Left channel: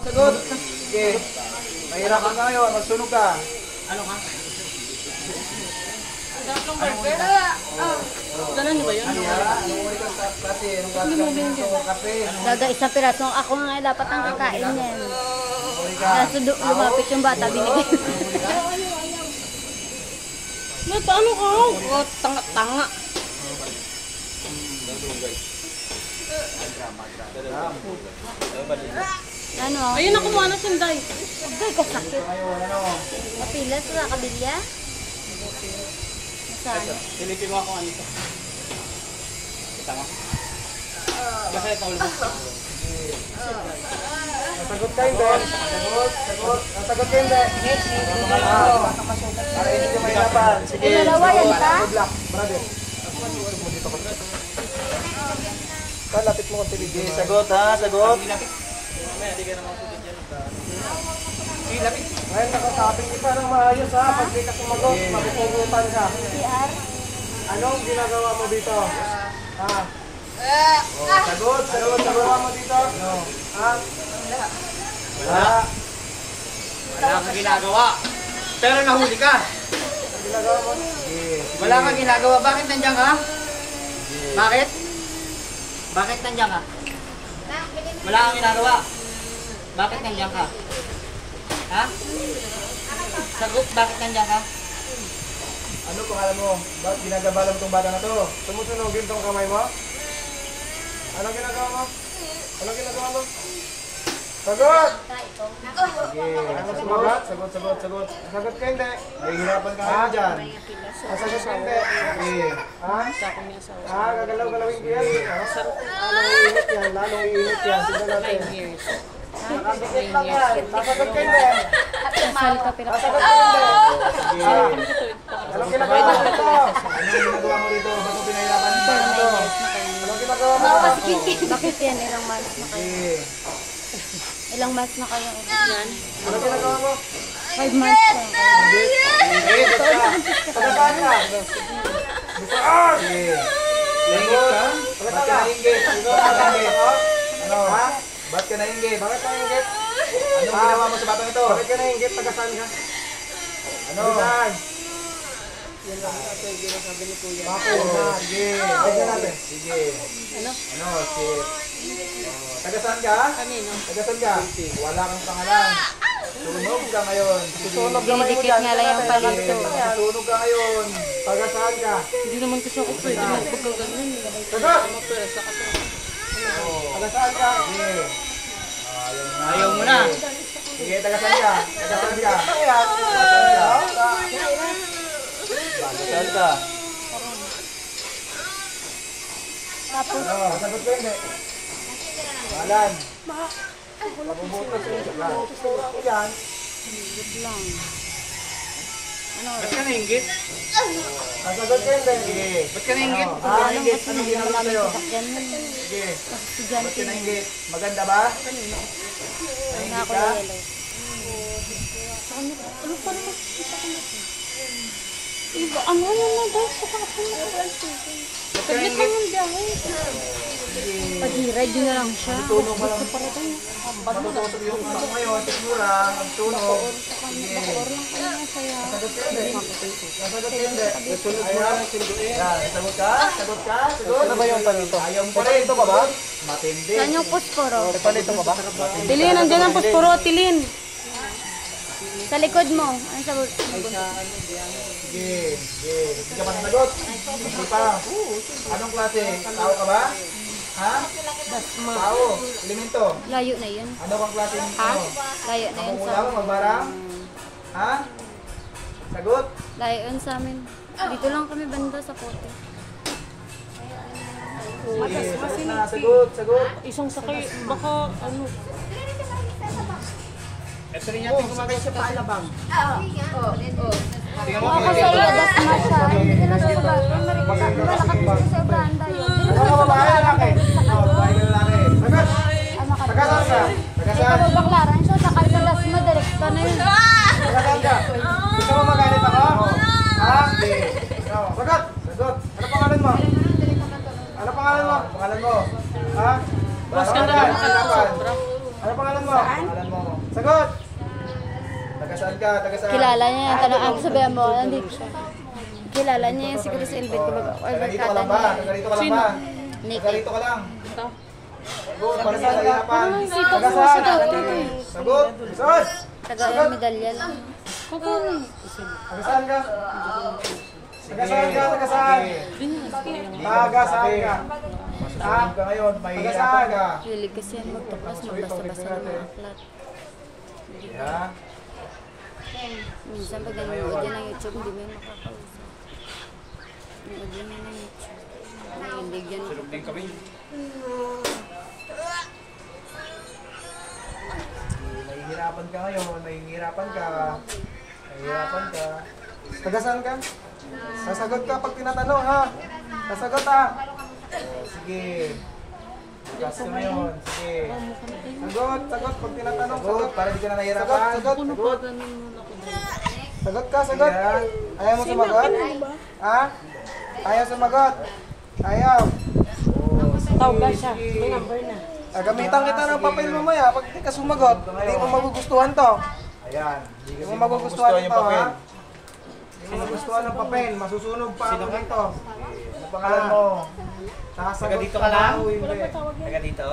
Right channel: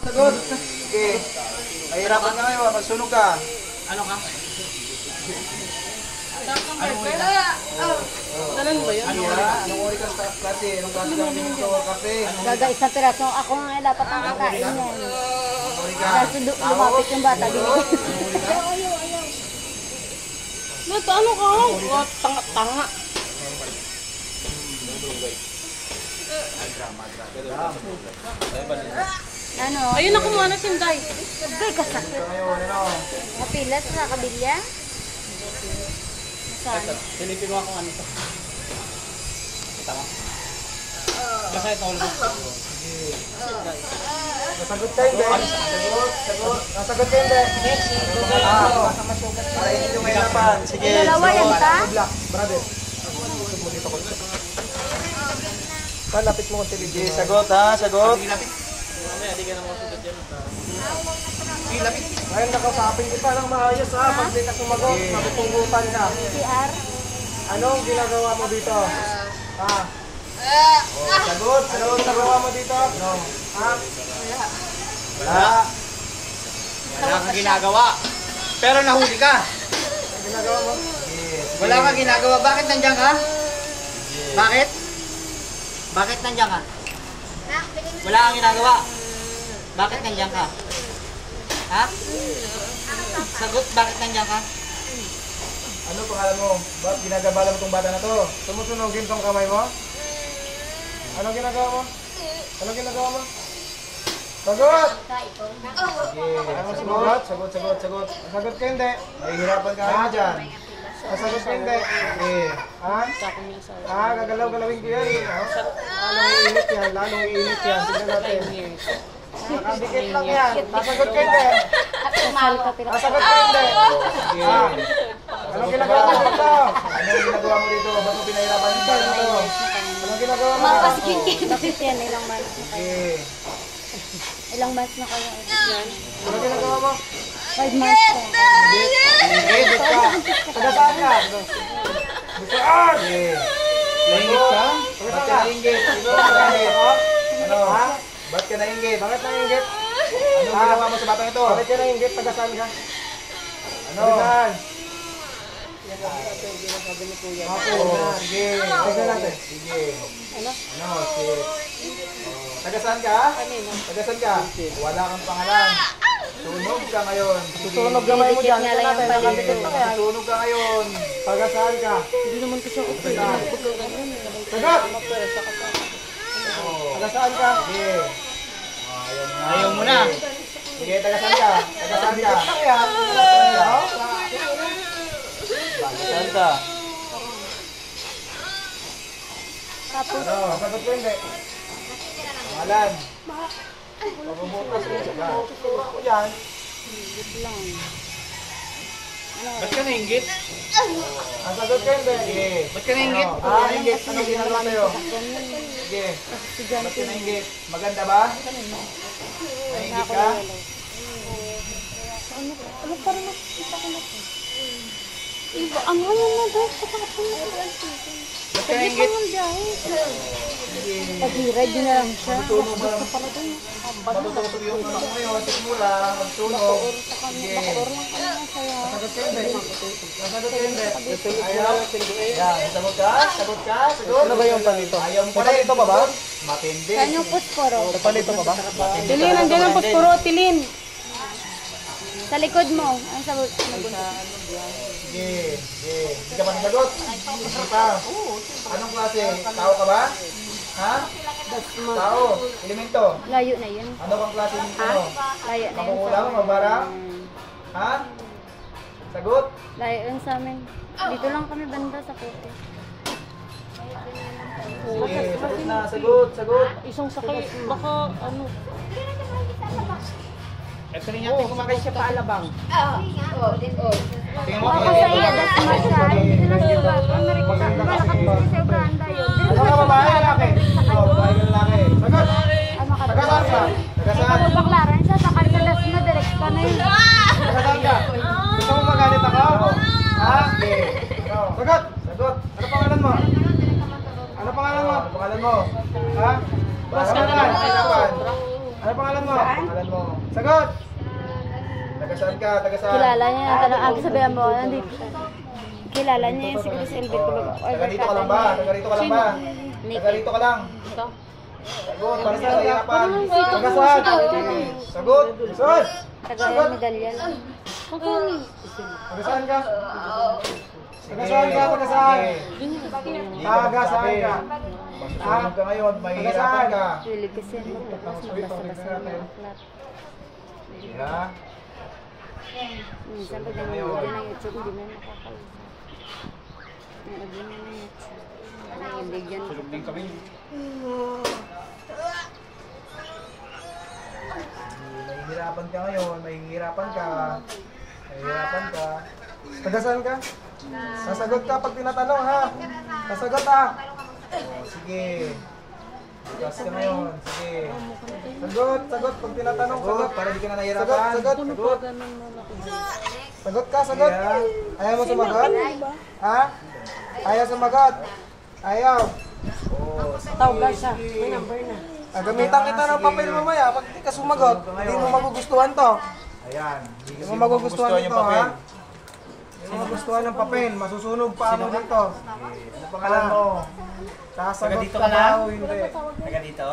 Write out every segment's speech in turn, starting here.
Sagot. Okay. Mahirapan ka ngayon, magsunog ka. Ano ka? Ganun ba yun? Anong uri ka sa klase? Anong klase ka dito? Kape? Dada isang piraso. Ako nga dapat ang kakain yan. Uri ka? Kaso lumapit yung bata, binigyan. Paano ka? Oh, tanga-tanga. Ano? Ayun na kumuha na sunday. Agay ka sakit. Ngayon, ano? Mapilas sa kabilya? Saan? Pilitin mo ako ano ito. Tama. Basta ito ulit. Sagot kayo, Ben. Sagot. Sagot kayo, Ben. Para hindi ka mahirapan. Sige. Dalawa yan, ta? Black, brother. Dito ko. Palapit mo konti. Sige, sagot ha, sagot. Mamaya, di ka na masusunod yan. Ngayon, nakasapin kita ng maayos ha. Pag di ka sumagot, mapupungutan ka. PR? Anong ginagawa mo dito? Ha? Sagot, ginagawa mo dito? Ha? Wala. Wala kang ginagawa. Pero nahuli ka. Ang ginagawa mo? Yes. Wala kang ginagawa. Bakit nandiyan ka? Bakit? Bakit nandiyan ka? Wala kang ginagawa. Bakit nandiyan ka? Ha? Sagot, bakit nandiyan ka? Ano pangalan mo? Ba't ginagabala mo tong bata na to? Sumusunogin tong kamay mo? Anong ginagawa mo? Anong ginagawa mo? Sagot! Sige. Ayaw mo sumagot? Sagot. Sagot ka hindi. Mahihirapan ka nga dyan. Sagot ka hindi. Sige. Ha? Gagalaw-galawin ko yan. Lalong iinit yan. Tignan natin. Nakadikit lang yan. Sasagot ka hindi. Sasagot ka hindi. Sige. Anong ginagawa mo dito? Anong ginagawa mo dito? Ba't mo pinahirapan dito? Anong ginagawa mo? Bakit yan? Ilang months na kayo? Sige. Ilang months na kayo? Anong ginagawa mo? 5 months na. Sige, basta. Taga saan ka? Saan? Sige. Nainggit ka? Ba't ka nainggit? Ano? Ha? Ba't ka nainggit? Bakit nainggit? Anong ginawa mo sa batang ito? Bakit ka nainggit? Taga saan ka? Ano? Taga saan? Mako. Sige. Tignan natin. Sige. Ano? Shit. Taga saan ka? Taga saan ka? Wala kang pangalan. Sunog ka ngayon. Susunog gamay mo dyan. Na lang yung Nakadikit lang yan. Susunog ka ngayon. Taga saan ka? Hindi naman gusto ko ito. Sagot! Taga saan ka? Sige. Ayaw mo na. Sige, taga saan ka? Taga saan ka? Taga saan ka? Saan ka? Tapos, Ano? Sagot ko hindi. Malan. Mabubutas mo. Mabubutas ko yan. lang. Ba't ka nainggit? Sagot ko hindi. Sige. Ba't ka nainggit? Nainggit. Anong ginagawa sa'yo? Ganun. Sige. Ba't Estudyante. ka nainggit? Maganda ba? Nainggit ka? Ano pa rin kita ko na ito? Iba, ano yan na daw sa kapatid? Ba't ka nainggit? Pag-hirad, yun na lang siya. Tunog mo lang. Matutusog yung ano mo ngayon. Sigura. Magtunog. Sige. Sagot ka hindi. Sagot ka hindi. Ayaw. Yan. Sagot ka? Sagot ka? Sagot? Ano ba yung palito? Ayaw mo pa rin. Ito pa ba? Matindi. Saan yung posporo? Palito pa ba? Tilin, nandiyan ang puspuro, tilin. Sa likod mo. Ano sa Sige. Sige. Hindi ka pa nasagot? Hindi pa. Anong klase? Tao ka ba? Ha? Tao. Elemento. layo na yun? Ano bang klase ng ano? Layo na yun sa Makukulang? Mabarang? Ha? Sagot? layo yun sa amin. Dito lang kami banda sa Puto. Sige. Sagot na. Sagot. Sagot. Isang sakay, baka ano. Ito rin natin kumakay siya pa alabang. Ako sa iya, das masya. Hindi ka na sa subato. Malakas kasi sa Uganda yun. Dito Ano na ka sa babae? Baklaran. Lalaki? Direct sa Oh, kayo. babae lalaki. Sagot. Ay, makatulog. Taga saan ka? Taga Ay, saan? kababaklaran siya. Sakay sa Dasma. Direct ka na yun. Taga saan ka? Gusto mo magalit ako? Ha? Sige. Sagot. Sagot. Ano pangalan mo? Ano pangalan mo? Pangalan mo? Ha? Pangalan mo? Ano pangalan mo? Pangalan mo? Sagot! Taga saan ka? Taga saan? Kilala niya yung tanong. Ako sabihan mo, nandito siya. Kilala niya yung si Chris Elvin. Taga dito ka lang ba? Taga dito ka lang ba? Taga dito ka lang. Sagot, para sa kahirapan. Taga saan? Sagot! Sagot! Taga yung medalya lang. Taga saan ka? Taga saan ka? Taga saan? Taga saan ka? Masusunod ka ngayon, mahihirapan ka. Hilig kasi yan magtupas, magbasa-basa ng mga aklat. Yeah. Minsan pag nanonood yan ng YouTube, hindi mo yan makakausap. Nanood yan ng YouTube. Nanood yan. Sulog din kami. Mahihirapan ka ngayon, mahihirapan ka. Mahihirapan ka. Taga saan ka? Sasagot ka pag tinatanong ha. Sasagot ha. Oh, sige. Tagas ka ngayon, sige. Sagot, sagot pag tinatanong. Sagot, para di ka na nahihirapan. Sagot, sagot. Sagot ka, sagot. Ayaw mo sumagot? Ha? Ayaw sumagot? Ayaw. Oh, sige, siya. May number na. Gamitan kita ng papel mamaya. Pag di ka sumagot, hindi mo magugustuhan to. Ayan. Hindi mo magugustuhan yung papel. Hindi mo magugustuhan ng papel. Masusunog pa ako dito. Ano pangalan mo? Sasagot ka daw, hindi. Taga dito?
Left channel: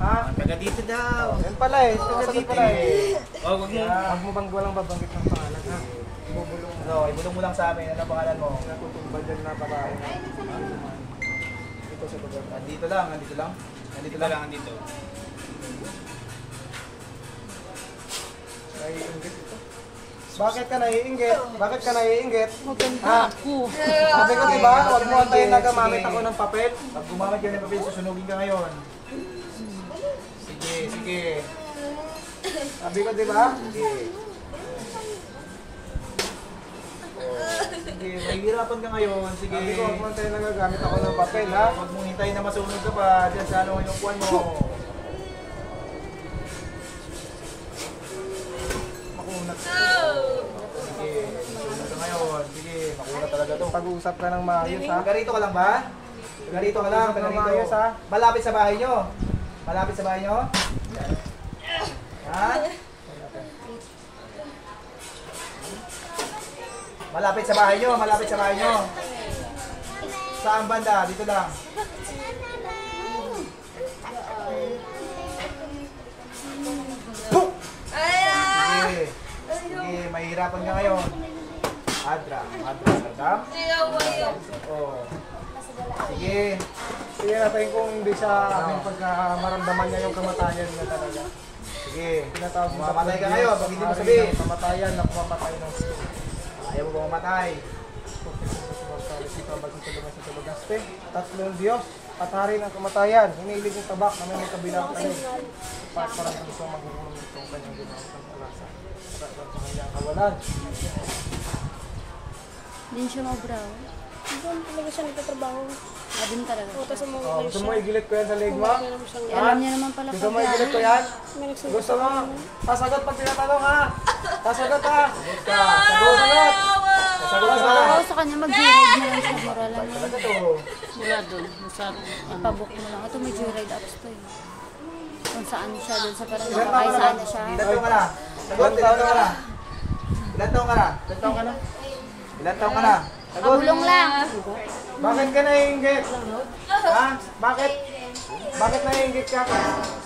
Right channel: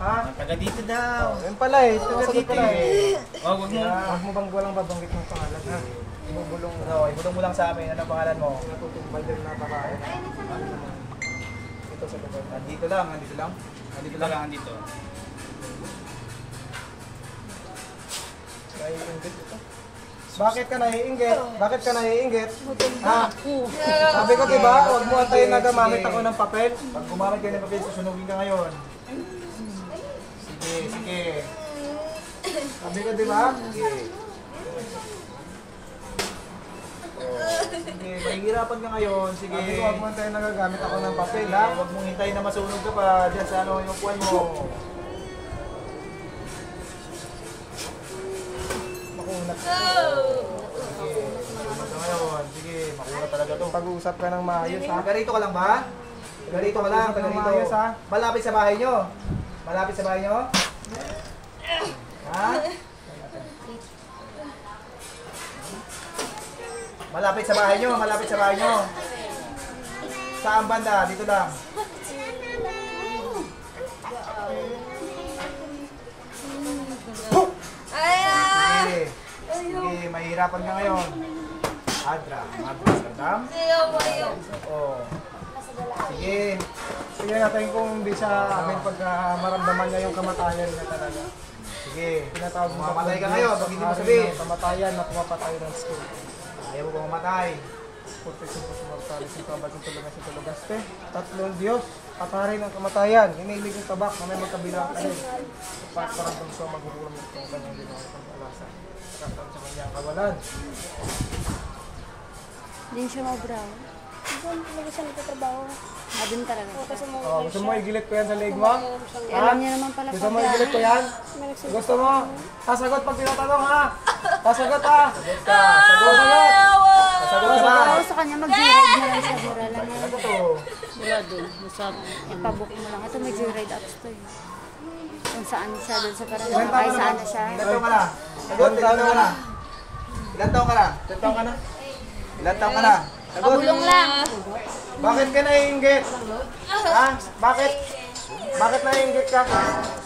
Ha? Taga dito daw. Yan pala eh. Sasagot ka na eh. Oh, wag mo. Huwag mo bang walang babanggit ng pangalan ha? Ibubulong. No, ibulong mo lang sa amin. Ano pangalan mo? Natutumbal din na pakain. Dito sa lugar. Andito lang, andito lang. Andito lang. Andito. Naiinggit ito. Bakit ka naiinggit? Bakit ka naiinggit? Ha? Sabi ko diba, huwag mo antayin na gamamit ako ng papel. Pag gumamit ka ng papel, susunugin ka ngayon. Sige, sige. Sabi ko diba? Sige. Sige, mahihirapan ka ngayon. Sige. Sabi ko, huwag mo antayin na gagamit ako ng papel, ha? Huwag mong hintayin na masunog ka pa dyan sa ano yung kuwan mo. Makunat ka. Sige, makunat ka ngayon. Sige, makunat talaga to. Pag-uusap ka ng maayos, ha? Taga rito ka lang ba? Taga rito ka lang, taga rito. Ha? Malapit sa bahay nyo? Malapit sa bahay nyo? Ha? Malapit sa bahay nyo, malapit sa bahay nyo. Saan banda? Dito lang. Sige. Sige, mahihirapan ka ngayon. Adra, Sardam. Oh. Sige. Sige natin kung hindi siya amin pagka maramdaman niya yung kamatayan niya talaga. Sige. Tinatawag mo mamatay ka ngayon pag hindi mo sabihin. Kamatayan na pumapatay ng school. Ayaw mo ba mamatay? Tatlong Diyos, pataharin ang kamatayan, hinilig ng tabak na may magkabilang kanin. Parang gusto magugulong itong kanyang ginawa ng alasa. Parang sa kanyang kawalan. Hindi siya mabraw. Doon talaga siya nagtatrabaho. Adun talaga siya. Gusto mo igilit ko yan sa leg mo? Alam niya naman pala Gusto mo igilit ko yan? Gusto mo? Sasagot pag tinatanong ha? Sasagot ha? Sagot ka. Sagot. Sasagot ka ba? Oo, sa kanya mag-joyride na lang siya. Mura lang yan. Ano to? Ipabook mo lang. Ito may joyride apps to eh. Kung saan siya, doon sa parang nakakay saan na siya. Ilan taong ka na? Sagot, ilan taong ka na? Ilan taong ka na? Ilan taong ka na? Ilan taong ka na? Sagot. Pabulong lang. Bakit ka naiinggit? Ha? Bakit? Bakit naiinggit ka?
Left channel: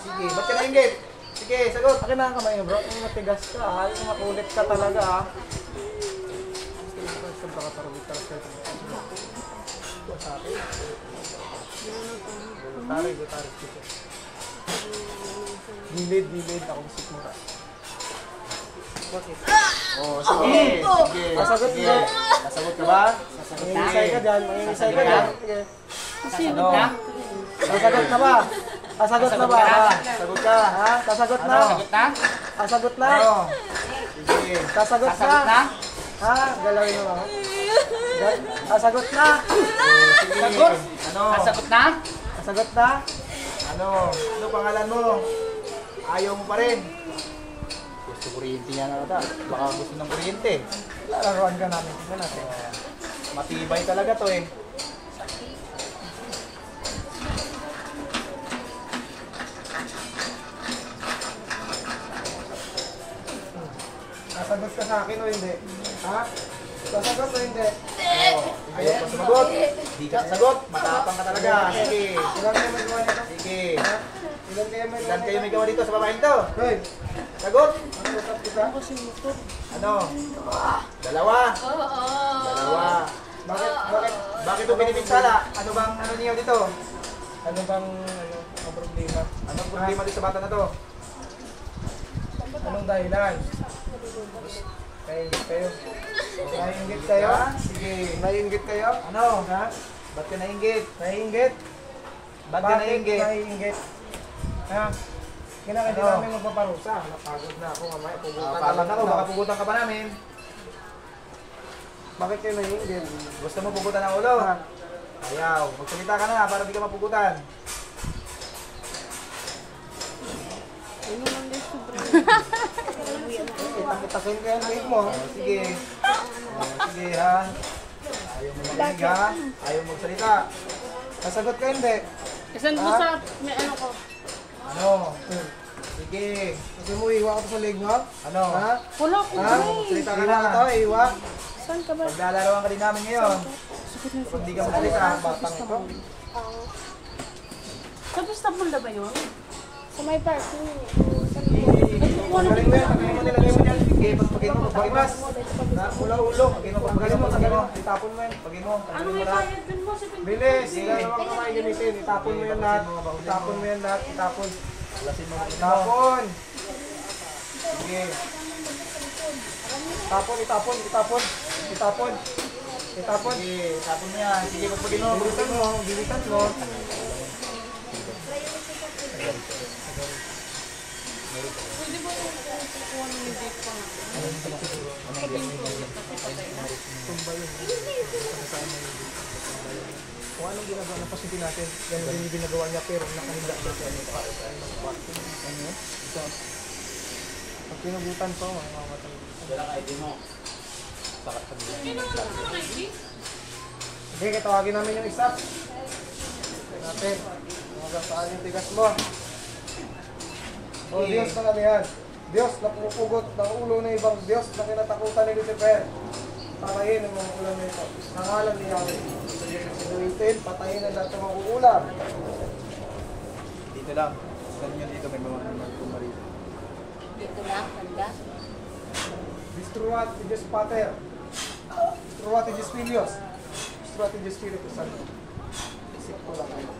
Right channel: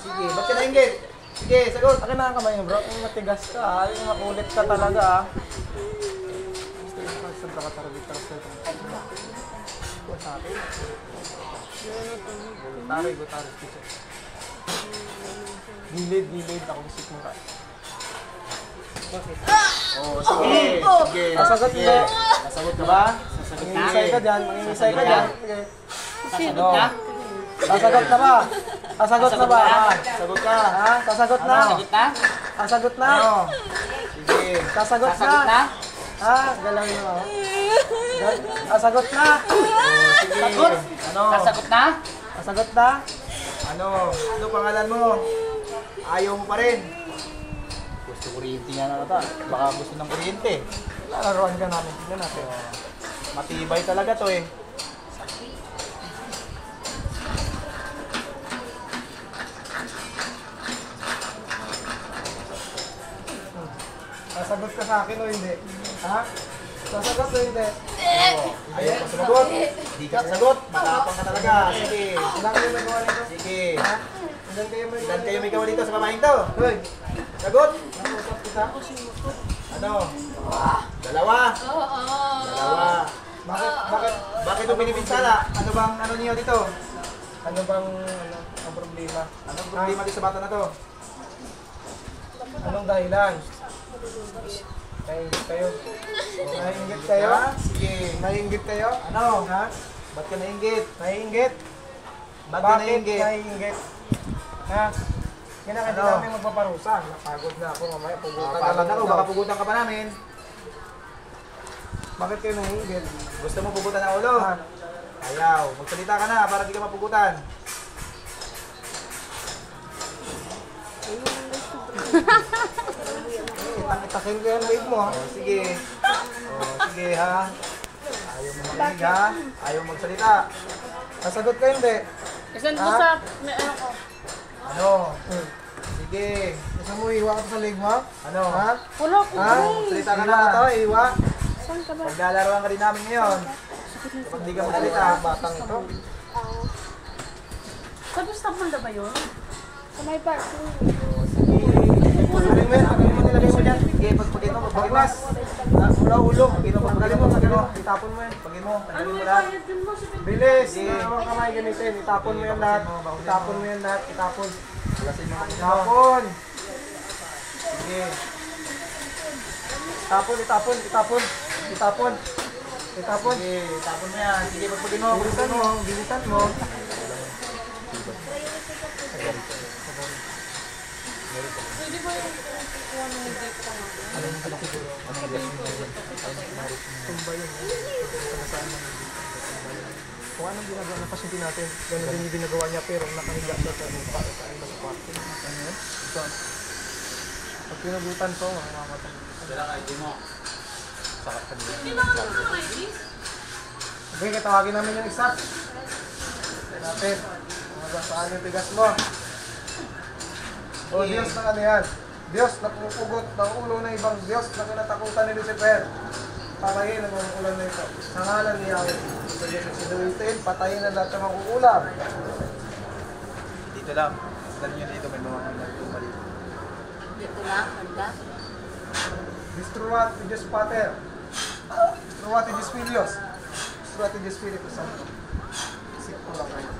Sige, ba't ka naiinggit? Sige, sagot. Akin na ang kamay mo bro. Yung matigas ka ha. Yung makulit ka talaga ha. Sobra ka tarabit-taras ka ito. Ito sa akin. Gultaris dito. Gilid. Ako gusto mo ka. Bakit? Oh, sige. Sige. Sasagot mo. Sasagot ka ba? Mangingisay ka dyan. Mangingisay ka dyan. Ano? Sasagot na ba? Sasagot na ba? Sasagot ka. Ha? Sasagot na. Sasagot na. Sige. Sasagot na. Ha? Galawin mo. Sasagot na. Sagot. Ano? Sasagot na? Sasagot na. Ano? Ano pangalan mo? Ayaw mo pa rin. Gusto kuryente yan ata. Baka gusto ng kuryente. Lalaroan ka namin. Tignan natin. Matibay talaga to eh. Sasagot ka sa akin o hindi? Ha? Sasagot o hindi? Ayaw pa sumagot. Di ka sasagot. Matapang ka talaga. Sige. Ilan kayo may gawa dito? Sige. Ha? Ilan kayo may Ilan kayo may gawa dito sa babaeng to? Hoy, Sagot. nakusap kita? Ano? Dalawa. Dalawa. Bakit? Bakit mo binipinsala? Ano bang ano niyo dito? Ano bang ang problema? Anong problema dito sa bata na to? Anong dahilan? Naiingit kayo? Naiingit kayo? Ha? Sige. Naiingit kayo? Ano? Ha? Ba't ka nainggit? Naiingit? Ba't ka nainggit? naiingit? Ha? Kinakanta Ano? namin magpaparusa. Napagod na ako mamaya. Pugutan na Pagod lang ako, ako. baka pugutan ka pa namin. Bakit kayo naiingit? Gusto mo pugutan ang ulo? Ha? Ayaw. Magsalita ka na para di ka mapugutan. Itakin ko yung leg mo. Oh, sige. Oh, sige ha. Ayaw mo makinig ha. Ayaw mo magsalita. Sasagot ka hindi? Send mo Ha? sa, may ano ko. Ano? Sige. Gusto mo iwa ka pa sa leg mo? Ano? Ha? Wala ko. Ha? Magsalita ka Iwa na. ka to, iwa. Saan ka ba? Paglalaroan ka din namin ngayon. Kapag di ka magsalita. Batang ito. Sa basta bunda ba yun? Sa may parking. Pagaling mo yan. Pagaling mo nilagay mo dyan. Sige, pagpagin mo. Pagpagin mo. Ulo. Pagpagin mo. Pagpagin mo. Pagpagin mo. Itapon mo yan. Pagpagin mo. Pagpagin mo lahat. Bilis! Sige. Wala namang kamay gamitin. Itapon mo yan lahat. Itapon mo yan lahat. Itapon. Alasin mo. Itapon! Sige. Itapon, itapon, itapon. Itapon. Itapon. Sige. Itapon mo yan. Sige, pagpagin mo. Bilisan mo, bilisan mo. Kung anong ginagawa ng pasyente natin, gano'n din yung ginagawa niya pero nakahiga siya sa kwarto. Ano yan? Ito. Pag pinagutan ko, mamamatay. Okay, katawagin namin yung isa. Tignan natin. Mga saan yung tigas mo. O Diyos ng ano yan? Diyos na pumupugot ng ulo ng ibang Diyos na kinatakutan ni Lucifer. Patayin ang mga ulan na ito. Sa ngalan ni Yahweh. Sinuwitin, patayin ang lahat ng mga uulam. Dito lang. Ganun yun dito. May mga mali. Dito na, handa. Distruat to Diyos Pater. Distruat to Diyos Filios. Distruat to Diyos Espiritu Santo. Isip ko lang kayo.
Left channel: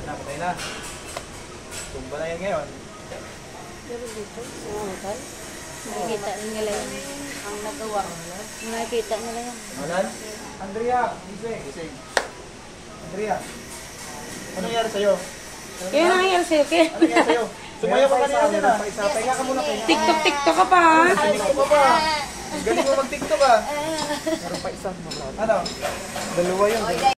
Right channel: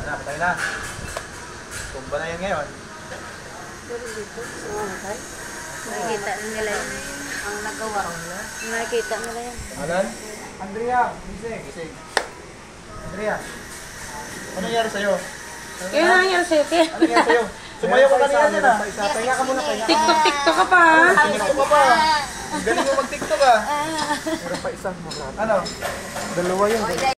Wala, patay na. Tumba na yan ngayon. Pero dito, sa mga nakikita nila yung ang nagawa. Nakikita nila yan. Alan? Andrea, gising. Gising. Andrea. Ano nangyari sa'yo? Kaya nangyari sa'yo, Ke? Ano nangyari sa'yo? Sumayaw ka kanina dyan ah. Pahinga ka muna, pahinga. TikTok ka pa. TikTok ka pa. Galing mo mag-TikTok ah. Meron pa isa. Ano? Dalawa yun.